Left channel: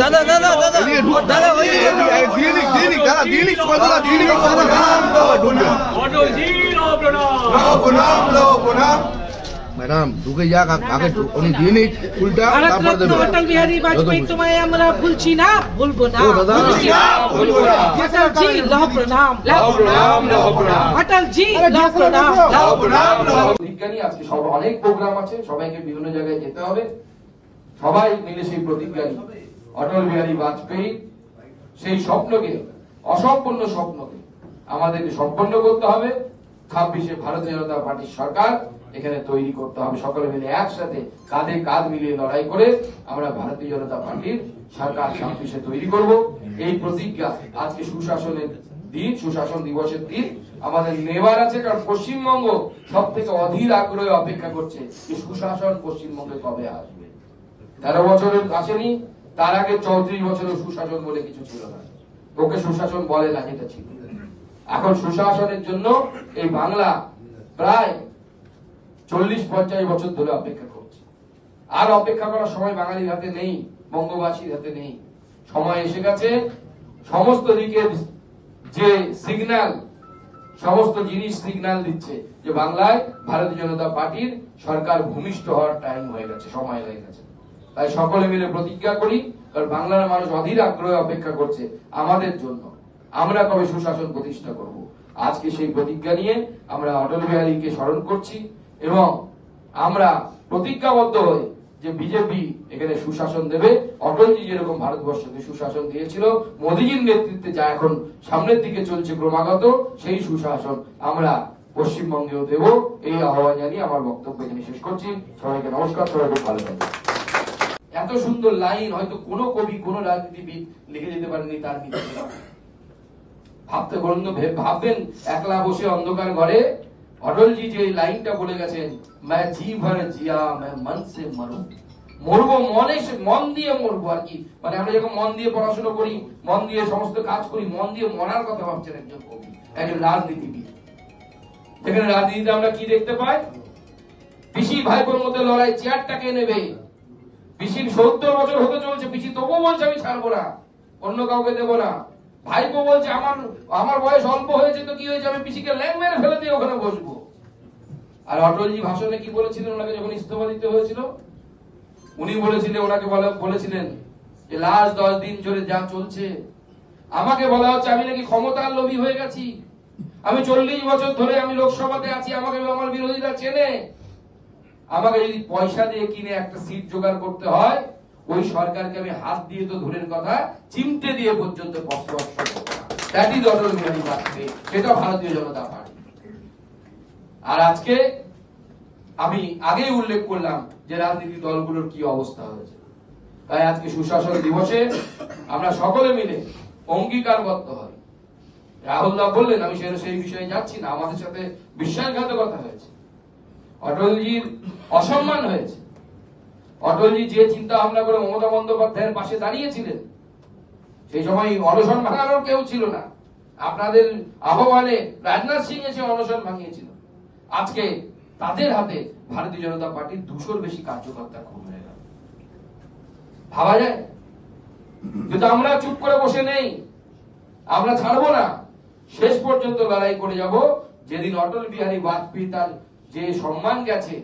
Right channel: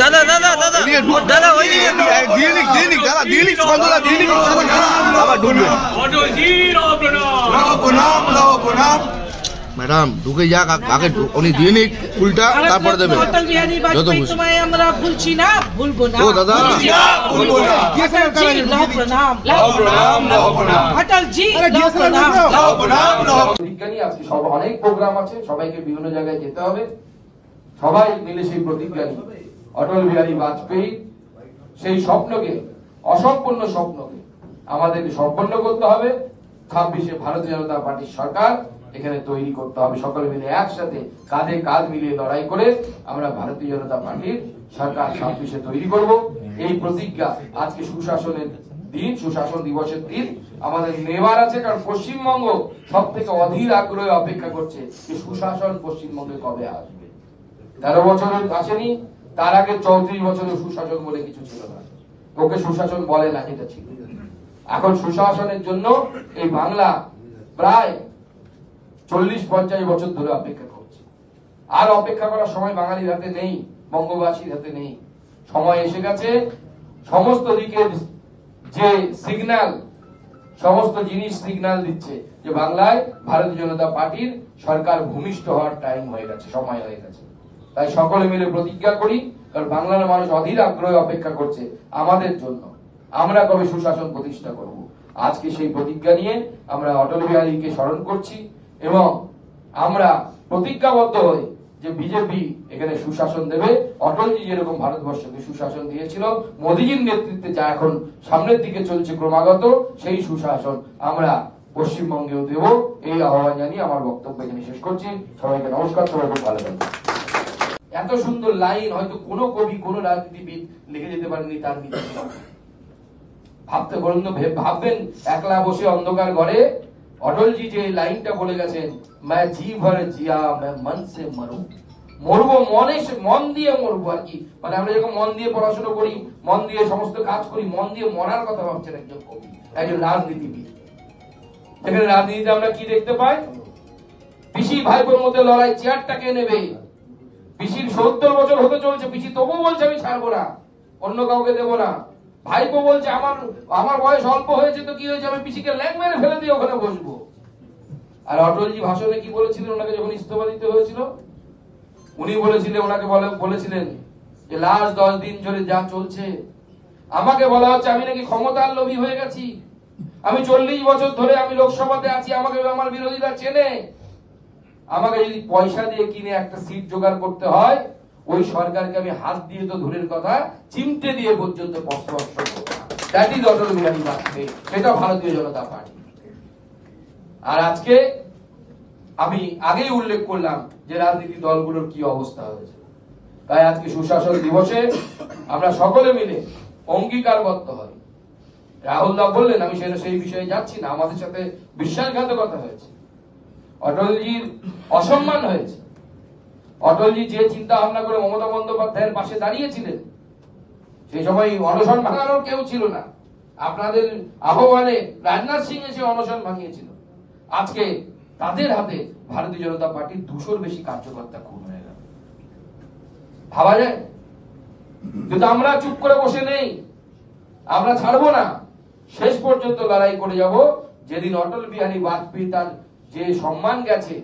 দাদা দাদা দাদা দাদা ওই ম্যাডাম ঢুকে যাক, আগে উনি দিয়ে নিক ফুলটা, তারপরে দেবেন। অটল বিহারী বাজপেয়ী তোমায় আমরা ভুলছি না, ভুলবো না। অটল জি লহ প্রণাম, অটল জি লহ প্রণাম। বিজ্ঞানী আজকে সব অনেক প্রোগ্রাম আছে, সবাইকে বিভিন্ন জায়গায় যেতে হবে, সবাই মিলে সেই প্রতিজ্ঞা নিই অটল বিহারী বাজপেয়ী সেই স্বপ্নকে, অসম্পূর্ণ স্বপ্নকে আমাদেরকে সম্পন্ন করতে হবে। 26-এ ভারতীয় জনতা পার্টির সরকার এখানে তৈরি করতে হবে। সকলে মিলে একসাথে কাঁধে কাঁধ মিলিয়ে লড়াই করে আমরা ভারতীয় জনতা পার্টির সরকার 26-এ তৈরি করব। এই প্রতিজ্ঞা আজকে সুশাসনের দিন, সুশাসন দিবসের দিন আমাদের নেবার আছে, কারণ পশ্চিমবঙ্গ সব থেকে অধীর আগ্রহে অপেক্ষা করছে যে সুশাসন পশ্চিমবঙ্গে কবে আসবে। 13 বছরের আসেনি, তার আগে 34 বছরের সুশাসন বলে কিছু ছিল না, ওকে সুশাসন বলে না, এটা ছিল। এখন সুশাসনের জন্য এই বাংলা প্রায় 40-50 বছর ধরে অপেক্ষা করছে। আর অপেক্ষা করার সময় বাঙালির হাতে নেই, বঙ্গবাসীর হাতে নেই। সময় এসে গেছে, সমস্ত দিকের যে সিগন্যাল, সমস্ত জিনিস সিগন্যাল দিচ্ছে যে বাংলায় ভারতীয় জনতা পার্টির সরকার ভূমিষ্ঠ হওয়ার টাইম হয়ে গেছে, সময় হয়ে গেছে। তাই সকলে মিলে প্রতিজ্ঞা করি, কারণ বাংলার মানুষ অধীর আগ্রহে অপেক্ষা করছে আমাদের জন্য, আমরা কবে সুশাসন প্রতিষ্ঠা করব। আজকে সেই প্রতিজ্ঞা নিয়ে আমরা অটল বিহারীকে স্মরণ করছি এবং আমরা প্রতিজ্ঞাবদ্ধ হই যে বিজেপি এখানে সুশাসন দেবে। অটলজি যেরকম ভারতবর্ষকে সুশাসন দিয়েছিল, মোদীজির নেতৃত্বে যা এখন সামনের দিকে চলছে ক্রমাগত, সেই সুশাসন আমরা পশ্চিমবঙ্গেও দেব। এই আহ্বান জানিয়ে আমার বক্তব্য এখানে শেষ করছি। সবাইকে নমস্কার, সবাই খুব ভালো থাকবেন। এত সুন্দর লাইন হয়তো কোনো কবি, কোনো রাজনীতিবিদ লিখে যেতে পারেনি তার নিচে। ভাবতে বলুন তো, ভাববেন একলা বসে অন্ধকার ঘরে অটলজি যে লাইনটা বলে গেছেন, मैं जी भर जिया मैं मन से मरूं, মরবো মনে, মন দিয়ে মরবো আর কি। মানে আমরা যখন মন দিয়ে পড়াশোনা করি, মন দিয়ে সমস্ত কাজ করি, মন দিয়ে মরার কথা ভাবছেন একজন কবি, একজন রাজনীতিবিদ। এখানে রাজনীতিতে আমরা কি দেখতে পাই? পিসি ভাইপোর মধ্যে লড়াই, চেয়ারটাকে নেবে। পিসির 70 বছর হতে চলছে, পিসি তবুও বলছে আমি ছাড়বো না, অন্য কাউকে দেবো না। ভাইপো বলছে আমার বয়স অল্প হয়েছে তো কি হয়েছে, আমি পিসিকে ল্যাং মেরে ফেলে দিয়ে ওখানে বসবো। আর অটলজি ভাষণে কি বলেছিলেন ওনাকে যখন ইস্তফা দিতে হয়েছিল? উনি বলেছিলেন, ওনাকে বলেছিলেন যে লাস্ট 10 দিন ধরে যা চলছে, আমাকে বলা হচ্ছে আমি নাকি ক্ষমতার লোভী হয়ে গেছি। আমি 40 বছর ধরে আমি লোকসভাতে আছি, আমাকে আমার বিরোধীরা চেনে। আমাকে যদি পয়সা দিয়ে কিনে একটা সিট জোগাড় করতে হয়, ওই সরকারকে আমি হাত দিয়ে তো দূরের কথা, চিমটে দিয়ে পর্যন্ত স্পর্শ করব। দ্যাট ইজ অটল বিহারী বাজপেয়ী, সেটা ভারতীয় জনতা পার্টি। আর আজকে আমি আগেই উল্লেখ করলাম যে রাজনীতি দলগুলোর কি অবস্থা হয়েছে। তাই আজকে সুশাসন দিবসে আমরা সকলে মিলে অঙ্গীকারবদ্ধ হই। রাহুলদা বললেন, আমি সেই বিষয়ে যাচ্ছি না, আমাদের সাথে বিশ্বাসঘাতকতা হয়েছে, অটলজির অসম্মান হয়েছে। অটলজি যে চিন্তা ভাবনা করে মমতা বন্দ্যোপাধ্যায়ের পাশে দাঁড়িয়েছিলেন, সেই সময় অনশন ভাঙানোর কেউ ছিল না। আপনাদের আহ্বানে রাজনাথ সিং এসে অনশন ভাঙিয়েছিল। আজকে তাদের হাতে ভারতীয় জনতা পার্টির 200-র বেশি কার্যকর্তা খুন হয়ে গেল। ভাবা যায়? কিন্তু আমরা চুপ করে বসে নেই, আমরা ছাড়বো না, শেষ পর্যন্ত লড়াই করে যাব। যেদিন অটল বিহারী বাজপেয়ী তার যে সম্মান গেছে,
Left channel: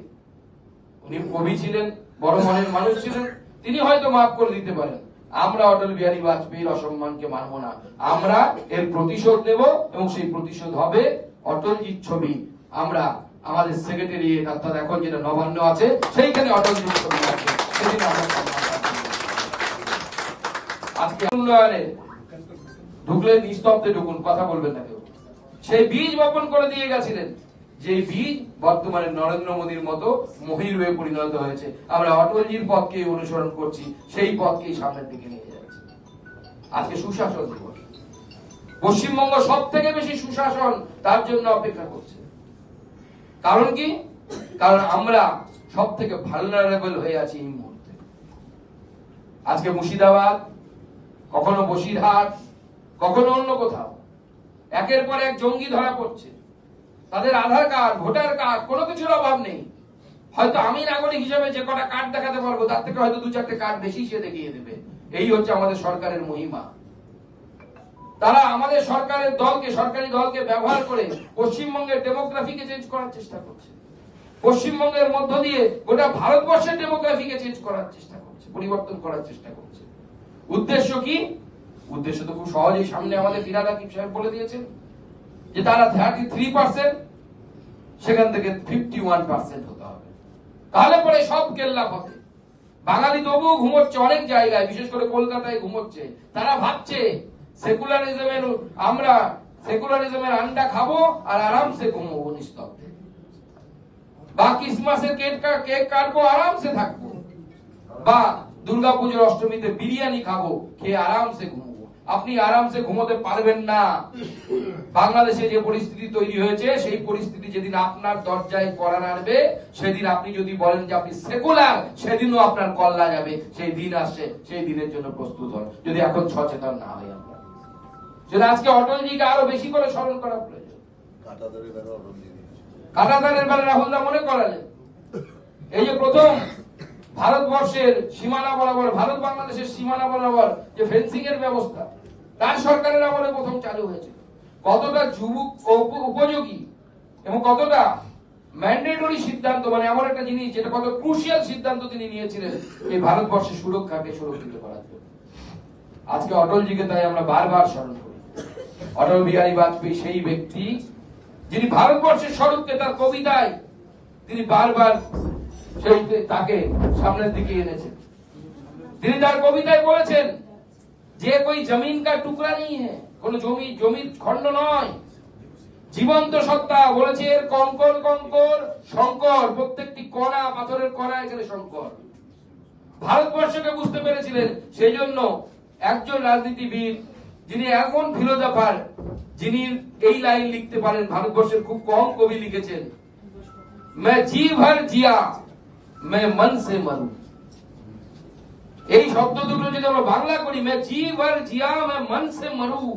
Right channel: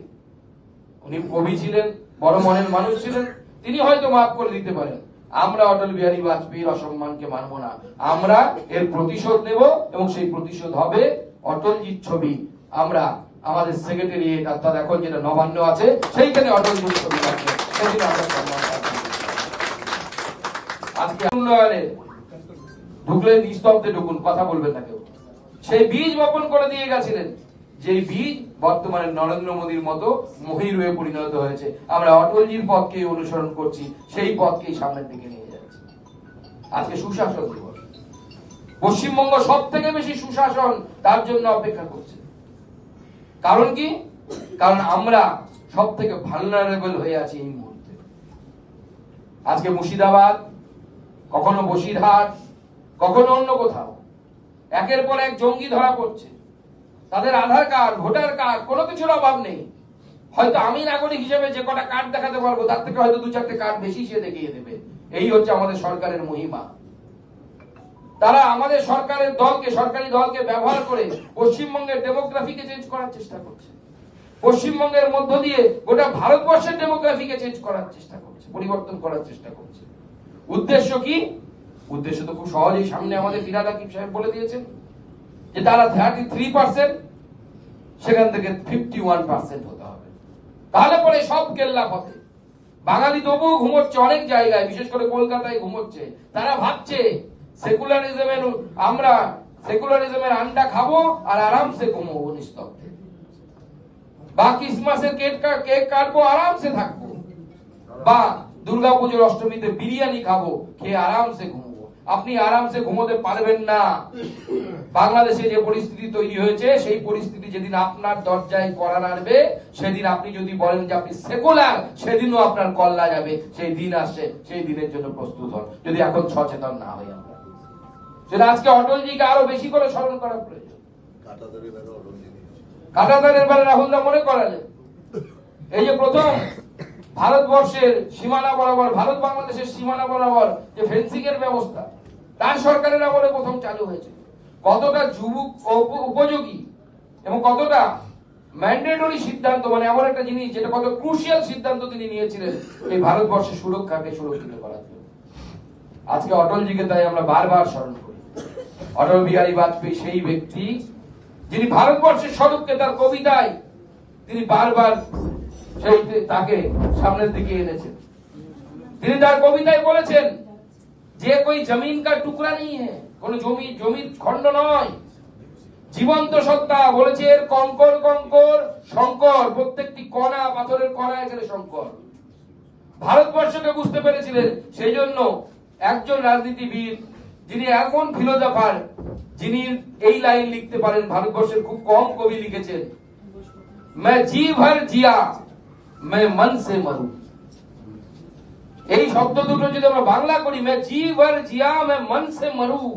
উনি কবি ছিলেন, বড় মনের মানুষ ছিলেন, তিনি হয়তো মাফ করে দিতে পারেন। আমরা অটল বিহারী বাজপেয়ীর অসম্মানকে মানব না, আমরা এর প্রতিশোধ নেব এবং সেই প্রতিশোধ হবে অটলজির ছবি। আমরা আমাদের সেক্রেটারিয়েট অর্থাৎ এখন যেটা নবান্ন আছে, সেইখানে অটলজির ছবি রাখবো, সেদিন আমরা সম্মান পাচ্ছি। আজকে উন্নয়নে ঢুকলে নিস্তব্ধে ঢুকুন, কথা বলবেন না কেউ। সেই বীজ বপন করে দিয়ে গেছিলেন, যে বীজ বর্তমানে নরেন্দ্র মোদীর মতো মহির হয়ে পরিণত হয়েছে। আমরা অটলজির পথকে অনুসরণ করছি, সেই পথকেই সামনের দিকে নিয়ে যাচ্ছি। আজকে সুশাসন দিবস, পশ্চিমবঙ্গ সব থেকে বেশি সুশাসন তার জন্য অপেক্ষা করছে। কারণ কি? কারণ আমরা সব থেকে ভালনারেবল হয়ে আছি এই মুহূর্তে। আজকে মুর্শিদাবাদ, কখনো বসিরহাট, কখনো অন্য কোথাও একের পর এক জঙ্গি ধরা পড়ছে। তাদের আধার কার্ড, ভোটার কার্ড, কোনো কিছুর অভাব নেই। হয়তো আমি নাগরিক হিসেবে যে কটা কার্ড দেখাতে পারবো তার থেকে হয়তো 2-4টে কার্ড বেশি সে দেখিয়ে দেবে। এই হচ্ছে আমাদের সরকারের মহিমা। তারা আমাদের সরকারের দলকে, সরকারি দলকে ব্যবহার করে পশ্চিমবঙ্গের ডেমোগ্রাফিকে চেঞ্জ করার চেষ্টা করছে। পশ্চিমবঙ্গের মধ্য দিয়ে গোটা ভারতবর্ষের ডেমোগ্রাফিকে চেঞ্জ করার চেষ্টা করছে, পরিবর্তন করার চেষ্টা করছে। উদ্দেশ্য কি? উদ্দেশ্য তো খুব সহজেই সামনে আমাদের ফিরহাদ হাকিম সাহেব বলে দিয়েছেন যে তারা 33%, সেখান থেকে 51% হতে হবে। তাহলে পরে সব কেল্লা পথে। বাঙালি তবুও ঘুমোচ্ছে অনেক জায়গায়, বিশেষ করে কলকাতায় ঘুমোচ্ছে। তারা ভাবছে আমরা সেকুলারিজমের আন্ডা খাবো আর আরামসে ঘুমবো নিস্তব্ধে, বা ক্রিসমাসের কেক কাটবো আরামসে থাকবো, বা দুর্গাপুজোর অষ্টমীতে বিরিয়ানি খাবো, খেয়ে আরামসে ঘুমবো। আপনি আরামসে ঘুমোতে পারবেন না। বাংলাদেশে যে পরিস্থিতি তৈরি হয়েছে, সেই পরিস্থিতি যেদিন আপনার দরজায় কড়া নাড়বে, সেদিন আপনি যদি বলেন যে আপনি সেকুলার, সেদিনও আপনার কল্লা যাবে। সেই দিন আসছে, সেই দিনের জন্য প্রস্তুত হন, যদি এখন সচেতন না হই আমরা। সেটা আজকে অটলজিকে আরো বেশি করে স্মরণ করা প্রয়োজন। কাঁটাতারের বেলা রাহুলদা মনে করালেন, এই যে প্রথম ভারতবর্ষের সীমানা বরাবর, ভারত বাংলাদেশের সীমানা বরাবর যে ফেন্সিং এর ব্যবস্থা, তার সরকারের আমলে প্রথম চালু হয়েছে। কতটা যুবক উপযোগী এবং কতটা ম্যান্ডেটরি সিদ্ধান্ত, মানে এমন একটা জিনিস যেটা কত ক্রুশিয়াল সিদ্ধান্ত তিনি নিয়েছিলেন এই ভারতবর্ষের সুরক্ষাকে সুরক্ষিত করার জন্য। আজকে অটলজিকে তাই আমরা বারবার স্মরণ করি। অটল বিহারী বাজপেয়ী সেই ব্যক্তি যিনি ভারতবর্ষের স্বরূপকে তার কবিতায় তিনি বারবার সেই তাকে সামনের দিকে এনেছেন। তিনি তার কবিতায় বলেছেন যে কোই জমিন কা টুকরা নেই হ্যায়, কোন জমির খণ্ড নয়, জীবন্ত সত্তা। বলেছে এর কঙ্কর কঙ্কর শঙ্কর, প্রত্যেকটি কণা, পাথরের কণা এখানে শঙ্কর। ভারতবর্ষকে বুঝতে পেরেছিলেন। সেই জন্য একজন রাজনীতিবিদ যিনি এমন ফিলোজফার, যিনি এই লাইন লিখতে পারেন, ভারতবর্ষের খুব কম কবি লিখেছেন, मैं जी भर जिया मैं मन से मरू। এই শব্দ দুটো যদি আমরা বাংলা করি, मैं जी भर जिया मैं मन से मरू,